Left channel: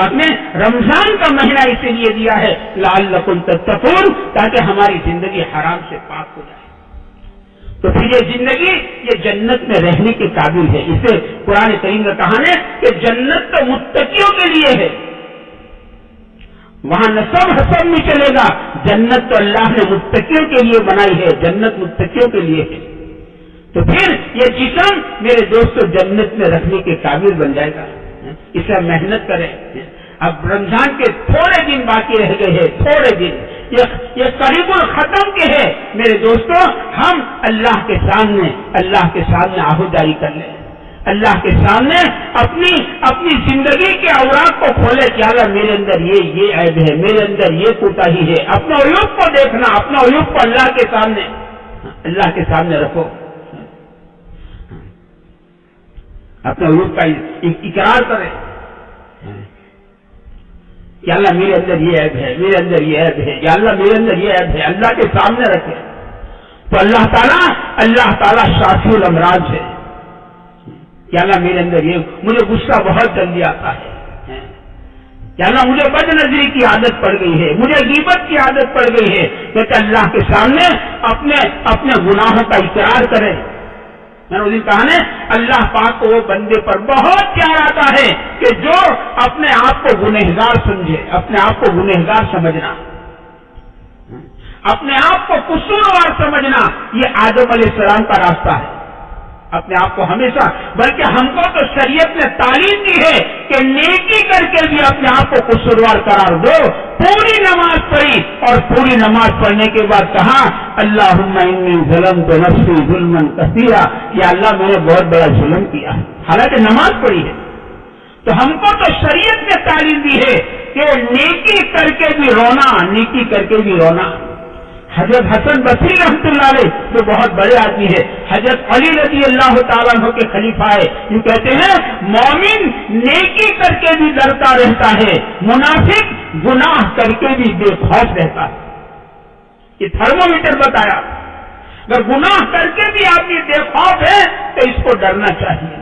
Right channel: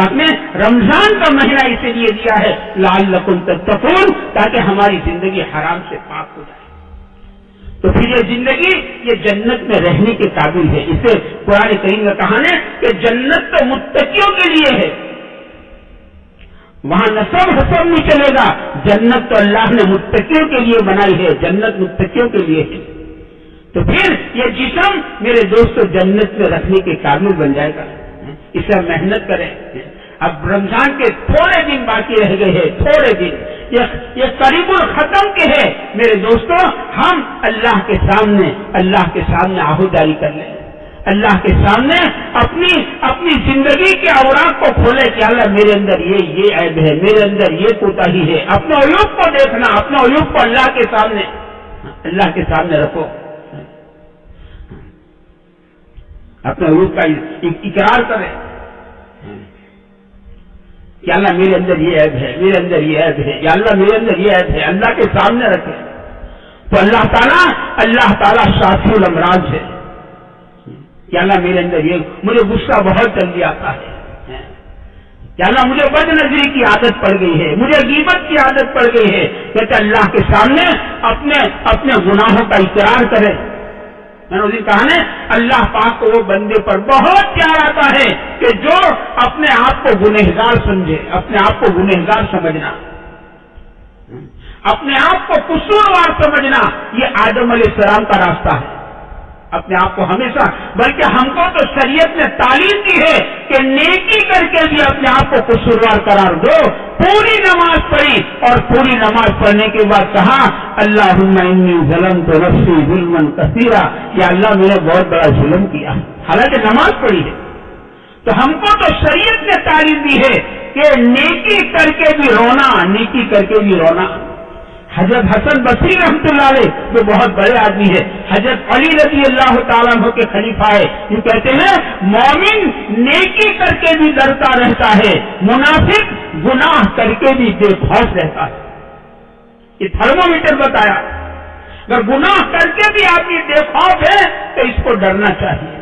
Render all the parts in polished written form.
پاک نے رمضان کا مہینہ اسی لیے دیا ہے لعلکم تتقون، تاکہ ہماری زندگی حرام سے پاک ہو جائے۔ تو پھر یہ زندگی یہ جنت میں رہنے کے قابل ہے۔ اسے قرآن کریم کا کہا ہے کہ جنت تو متقیوں کے لیے ہے، وہاں نسب حسب نہیں چلے گا، جنت تو اللہ نے متقیوں کے لیے بنائی ہے، جنت متقیوں کے لیے ہے۔ تو پھر یہ جسم میرے دوستو جنت میں رکھنے کے قابل بن جائے گا، اسے ہم محنت کریں۔ اب رمضان کے تھوڑے دن باقی رہ گئے ہیں، تھوڑے دن، یہ قریب الختم کے ہیں میرے دوستو، ہم اللہ کے سامنے آہو جاری کر لیں، اللہ کے سامنے اپنی زندگی کے اوراق کو کھولے کہ اللہ میرے اندر یہ عیب ہے، میرے اندر یہ کوتاہی ہے۔ اپنے عیوب کو دیکھنا، اپنے عیوب کو اللہ کے سامنے رکھو، اپنے عیوب کا اقرار کرے کہ اللہ میرے اندر یہ عیب ہے، میرے اندر یہ عیب ہے، یا اللہ میرے اندر یہ عیب ہے، اللہ کے سامنے رکھے تو اللہ تعالیٰ شافی الامراض ہے کہ اللہ میرے اندر یہ، مجھے غصہ بہت جلدی آتا ہے کہ اللہ مجھے بد نظری کی عادت پڑ گئی ہے، مجھے غیبت کی عادت پڑ گئی ہے، کہ اللہ کے سامنے اپنے گناہوں کا اقرار کرے۔ میں نے اس دن کہا نا اللہ پاک کو وہ بندے پر بہت پیار آتا ہے کہ جو اپنے آپ کو گنہگار سمجھے، اپنے آپ کو گنہگار سمجھنا، اپنے آپ کو قصوروار سمجھنا، یہ آدم علیہ السلام کا راستہ ہے۔ اپنے آپ کو ہمیشہ، بلکہ ہم کو تو شریعت نے تعلیم دی ہے کہ نیکی کر کے بھی اپنے آپ کو قصوروار قرار دو۔ پوری نماز پڑھی اور پوری نماز پڑھنے کے بعد کہا اللہم انی ظلمت نفسی ظلما کثیرا، یا اللہ میں نے بہت بڑا ظلم کیا، حالانکہ نماز پڑھی ہے۔ تو ہم کو تو شریعت نے تعلیم دی ہے کہ نیکی کر کے بھی رونا، نیکی کر کے بھی رونا۔ حضرت حسن بصری رحمۃ اللہ علیہ جو بہت بڑے آدمی ہے، حضرت علی رضی اللہ تعالیٰ عنہ کے خلیفہ ہے، یہ کہتے ہیں مومن نیکی کر کے بھی ڈرتا رہتا ہے، منافق گناہ کر کے بھی بے خوف رہتا ہے۔ یہ تھرمومیٹر بتایا، اگر گناہ کر کے بھی آدمی بے خوف ہے تو اس کو ڈرنا چاہیے۔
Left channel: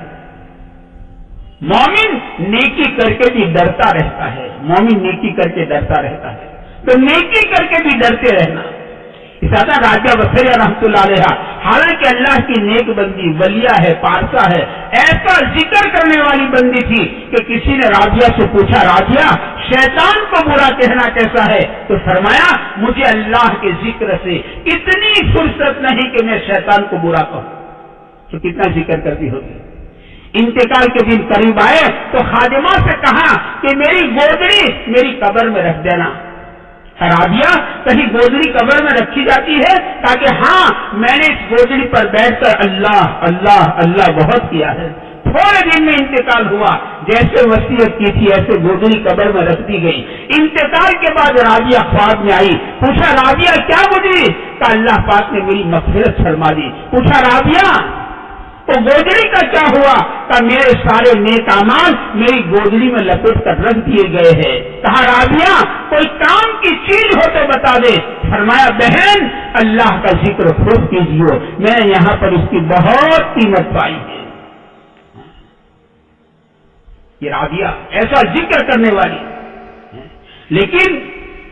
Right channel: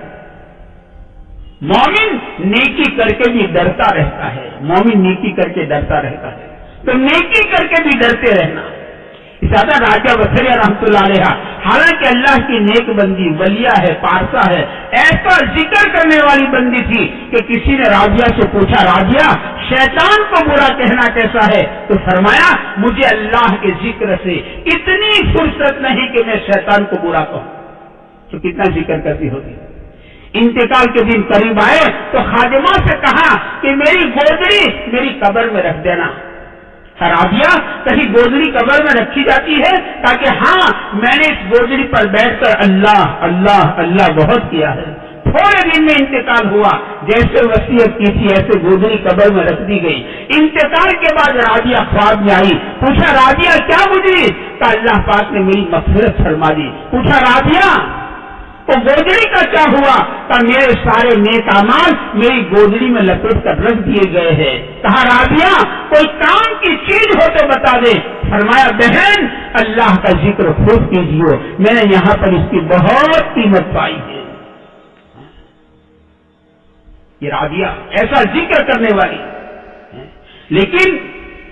مومن نیکی کر کے بھی ڈرتا رہتا ہے، مومن نیکی کر کے ڈرتا رہتا ہے، تو نیکی کر کے بھی ڈرتے رہنا۔ اساتہ راجہ بصری رحمۃ اللہ علیہ حالانکہ اللہ کی نیک بندی ولیہ ہے، پارسا ہے، ایسا ذکر کرنے والی بندی تھی کہ کسی نے رابعہ سے پوچھا رابعہ شیطان کو برا کہنا کیسا ہے؟ تو فرمایا مجھے اللہ کے ذکر سے اتنی فرصت نہیں کہ میں شیطان کو برا کہوں۔ تو کتنا ذکر کرتی ہوگی۔ انتقال کے دن قریب آئے تو خادمہ سے کہا کہ میری گودڑی میری قبر میں رکھ دینا۔ رابعہ کہیں گودڑی قبر میں رکھی جاتی ہے تاکہ ہاں میں نے اس گودڑی پر بیٹھ کر اللہ اللہ اللہ بہت کیا ہے۔ تھوڑے دن میں انتقال ہوا، جیسے وصیت کی تھی ایسے گودڑی قبر میں رکھ دی گئی۔ انتقال کے بعد رابعہ خواب میں آئی، پوچھا رابعہ کیا گزری؟ کہ اللہ پاک نے میری مغفرت فرما دی۔ پوچھا رابعہ تو گودڑی کا کیا ہوا؟ کہ میرے سارے نیک اعمال میری گودڑی میں لپیٹ کر رکھ دیے گئے ہیں۔ کہا رابعہ کوئی کام کی چیز ہو تو بتا دے۔ فرمایا بہن اللہ کا ذکر خوب کیجیے، میں نے یہاں پر اس کی بہت قیمت پائی ہے۔ یہ رابعہ ایسا ذکر کرنے والی، لیکن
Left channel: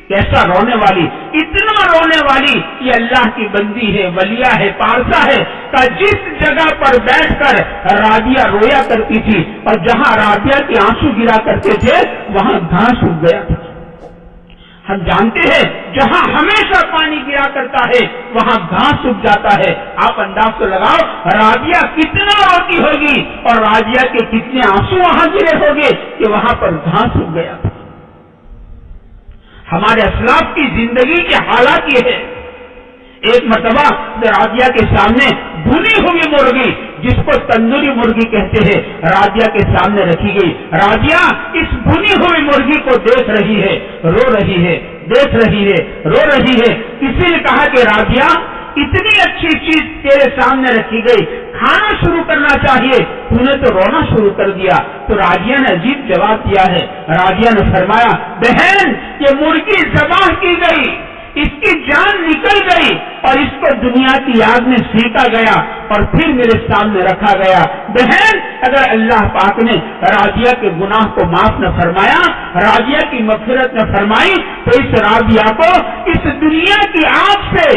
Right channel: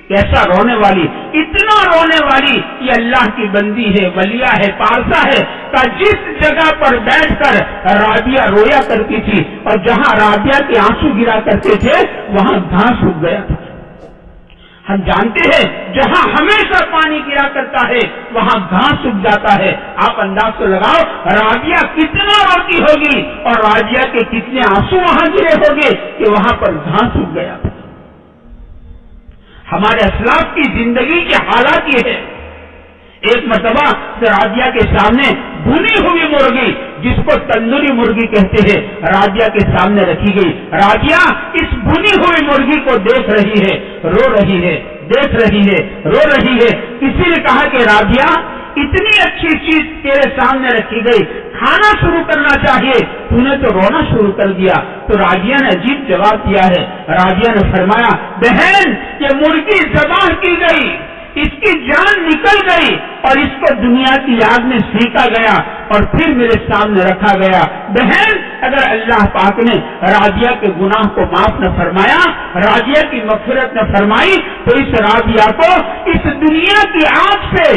کیسا رونے والی، اتنا رونے والی، یہ اللہ کی بندی ہے، ولیہ ہے، پارسا ہے، کہ جس جگہ پر بیٹھ کر رابعہ رویا کرتی تھی اور جہاں رابعہ کے آنسو گرا کرتے تھے وہاں گھاس اگ گیا تھا۔ ہم جانتے ہیں جہاں ہمیشہ پانی گرا کرتا ہے وہاں گھاس اگ جاتا ہے۔ آپ انداز تو لگاؤ رابعہ کتنا روتی ہوگی اور رابعہ کے کتنے آنسو وہاں گرے ہوگے کہ وہاں پر گھاس اگ گیا تھا۔ ہمارے اسلاف کی زندگی کے حالات یہ ہے۔ ایک مرتبہ رابعہ کے سامنے بھنی ہوئی مرغی، جس کو تندوری مرغی کہتے ہیں، رابعہ کے سامنے رکھی گئی۔ رابعہ اس بھنی ہوئی مرغی کو دیکھ رہی ہے، رو رہی ہے، دیکھ رہی ہے، رو رہی ہے۔ کسی نے کہا کہ رابعہ اتنی اچھی چیز تیرے سامنے رکھی گئی، کھانا شروع کرنا چاہیے، تو نے تو رونا شروع کر دیا۔ تو رابعہ نے عجیب جواب دیا ہے۔ رابعہ نے فرمایا بہن یہ مرغی ذبح کی گئی، اس کی جان نکل گئی اور اس کو دنیا کی آگ میں سینکا گیا، اور پھر میرے سامنے رکھا گیا. بہن اگر اللہ پاک نے رابعہ کے گناہ کو معاف نہ فرمایا, رابعہ کی مغفرت نہ فرمائی, تو اس رابعہ کو اس دنیا کی آگ سے,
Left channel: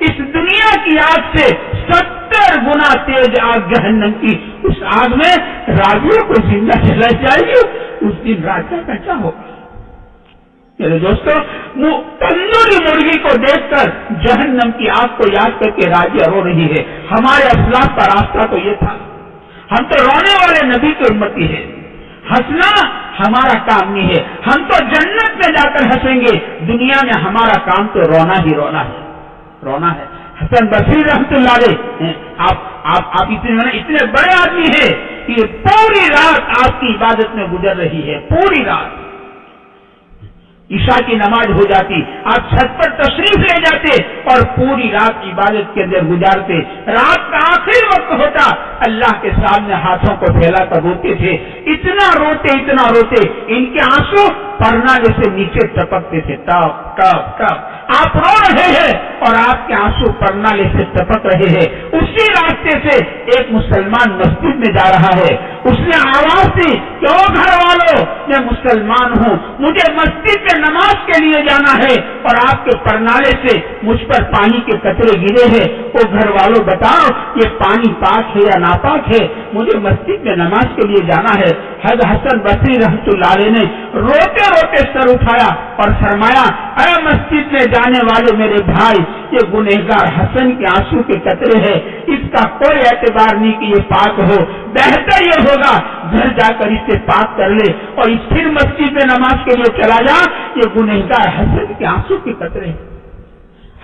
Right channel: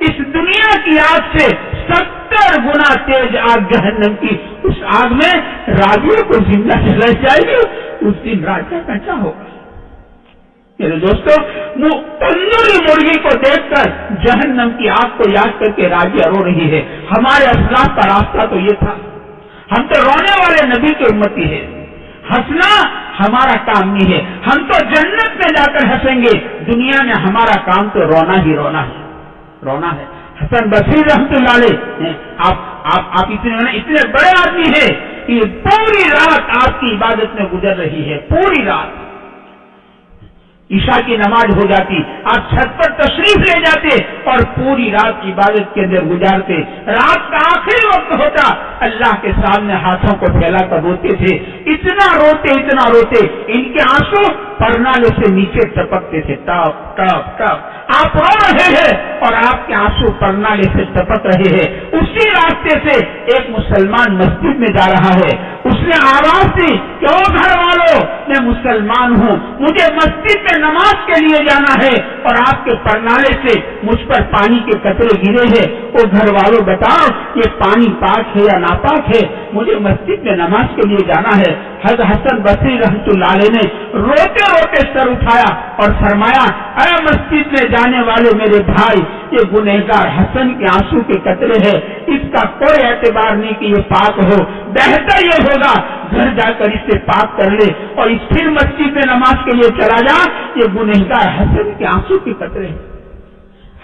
اس دنیا کی آگ سے 70 گنا تیز آگ جہنم کی اس آگ میں رابعہ کو زندہ جلائی جائے گی. اس دن رابعہ کا کیا ہوگا؟ میرے دوستو, تندوری مرغی کو دیکھ کر جہنم کی آگ کو یاد کر کے رابعہ رو رہی ہے. ہمارے اسلاف کا راستہ تو یہ تھا. ہم تو رونے والے نبی کے امتی ہیں. ہنسنا ہمارا کام نہیں ہے. ہم تو جنت میں جا کر ہنسیں گے. دنیا میں ہمارا کام تو رونا ہی رونا ہے, رونا ہے. حسن بصری رحمت اللہ علیہ, آپ اتنے بڑے آدمی ہیں کہ پوری رات آپ کی عبادت میں گزر رہی ہے. پوری رات عشاء کی نماز ہو جاتی, آپ چھت پر تشریف لے جاتے اور پوری رات عبادت کے اندر گزارتے. رات کا آخری وقت ہوتا, اللہ کے سامنے ہاتھوں کو پھیلا کر روتے تھے. اتنا روتے ان کے آنسو پرنالے سے نیچے ٹپکتے تھے, ٹپ ٹپ ٹپ. آپ رو رہے ہیں اور آپ کے آنسو پرنالے سے ٹپک رہے ہیں. اسی راستے سے ایک مسلمان مسجد میں جا رہا ہے. اس نے آواز دی کہ او گھر والوں, میں مسلمان ہوں, مجھے مسجد میں نماز کے لیے جانا ہے اور آپ کے پرنالے سے مجھ پر پانی کے قطرے گرے ہیں. او گھر والوں بتاؤ یہ پانی پاک ہے یا ناپاک ہے؟ مجھے مسجد میں نماز کے لیے جانا ہے. حضرت حسن بصری رحمۃ اللہ علیہ نے روتے روتے سر اٹھایا اور فرمایا, اے مسجد میں جانے والے میرے بھائی, یہ گنہگار حسن کے آنسو کے قطرے ہیں, اس کا کوئی اعتبار نہیں کہ یہ پاک ہو. بہتر یہ ہوگا گھر جا کر اس سے پاک کر لے اور اس پھر مسجد میں نماز کے لیے چلا جا. یہ گنہگار حسن کے آنسو کے قطرے ہیں.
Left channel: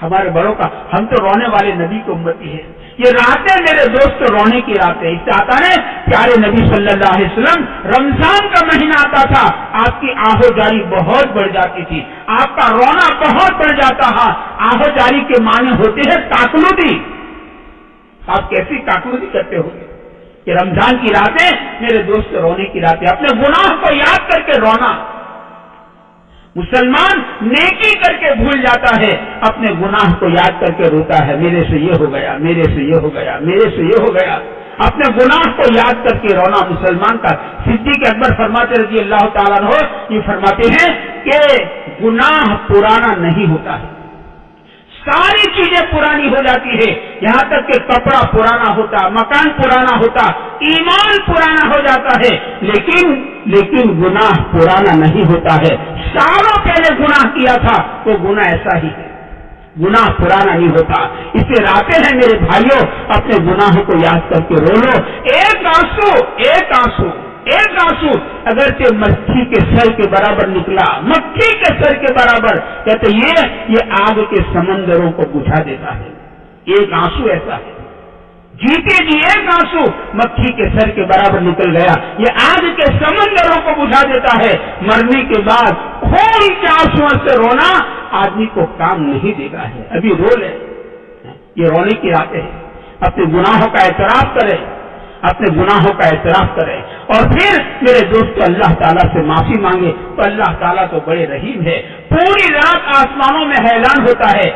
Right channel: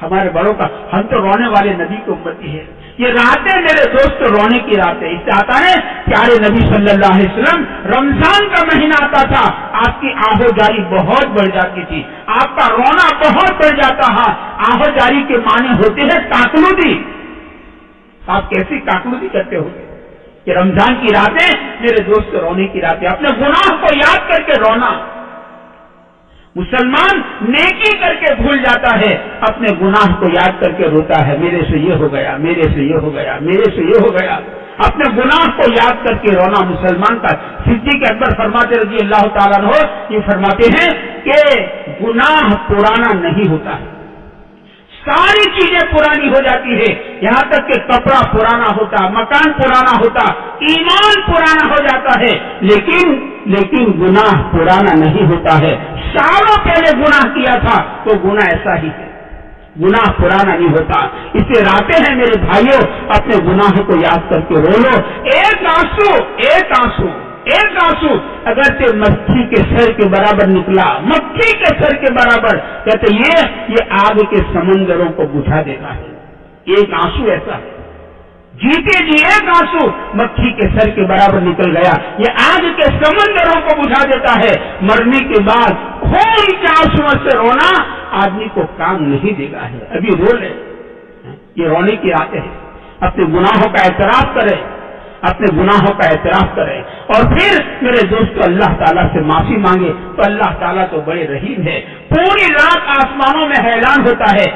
ہمارے بڑوں کا, ہم تو رونے والے نبی کی امتی ہے. یہ راتیں میرے دوست رونے کی راتیں. اس سے آتا ہے پیارے نبی صلی اللہ علیہ وسلم, رمضان کا مہینہ آتا تھا, آپ کی آہو جاری بہت بڑھ جاتی تھی, آپ کا رونا بہت بڑھ جاتا ہے. آہو جاری کے معنی ہوتے ہیں کاکلودی. آپ کیسی کاکلودی کرتے ہو کہ رمضان کی راتیں میرے دوست رونے کی راتیں, اپنے گناہ کو یاد کر کے رونا. مسلمان نیکی کر کے بھول جاتا ہے, اپنے گناہ کو یاد کر کے روتا ہے, میرے سے یہ ہو گیا, میرے سے یہ ہو گیا, میرے سے یہ ہو گیا. اپنے گناہ کو یاد کر کے رونا مسلمان کا. صدیق اکبر فرماتے رضی اللہ تعالیٰ عنہ, یہ فرماتے ہیں کہ گناہ پرانا نہیں ہوتا ہے, ساری چیزیں پرانی ہو جاتی ہے, یہاں تک کہ کپڑا پرانا ہوتا, مکان پرانا ہوتا, ایمان پرانا ہو جاتا ہے, لیکن گناہ پرانا نہیں ہوتا ہے. سالوں پہلے گناہ کیا تھا تو گناہ ایسا ہی ہے, گناہ پرانا نہیں ہوتا. اس سے راتیں ہیں میرے بھائیوں, اپنے گناہوں کو یاد کر کے رو لو. ایک آنسو اگر تے مکھی کے سر کے برابر نکلا, مکھی کے سر کے برابر, کہتے یہ آگ کے سمندروں کو بجھا دیتا ہے. ایک آنسو ایسا ہے, جیتے جی ایک آنسو مکھی کے سر کے برابر نکل گیا, یہ آگ کے سمندروں کو بجھا دیتا ہے. مرنے کے بعد خون کے آنسو سے رونا آدمی کو کام نہیں دے گا ہے. ابھی رو لے, یہ رونے کی راتیں ہیں. اپنے گناہوں کا اعتراف کرے, اپنے گناہوں کا اعتراف کرے اور پھر میرے دوستو اللہ تعالیٰ سے معافی مانگے. تو اللہ تعالیٰ تو بڑے رحیم ہے. پوری رات آسمانوں میں اعلان ہوتا ہے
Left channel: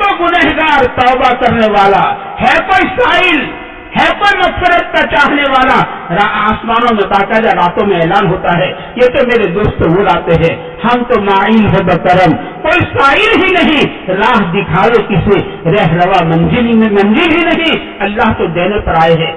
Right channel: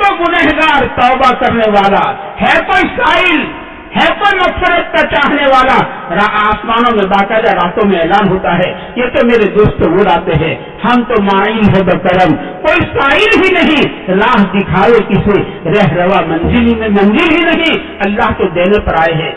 تو گنہگار توبہ کرنے والا, ہے کوئی سائل, ہے کوئی مغفرت کا چاہنے والا. آسمانوں میں باقاعدہ راتوں میں اعلان ہوتا ہے. یہ تو میرے دوست وہ راتیں ہیں, ہم تو مائل ہے بکرم, کوئی سائل ہی نہیں, راہ دکھاوے کسے, رہ روا منزل ہی نہیں, اللہ تو دینے پر آئے ہیں.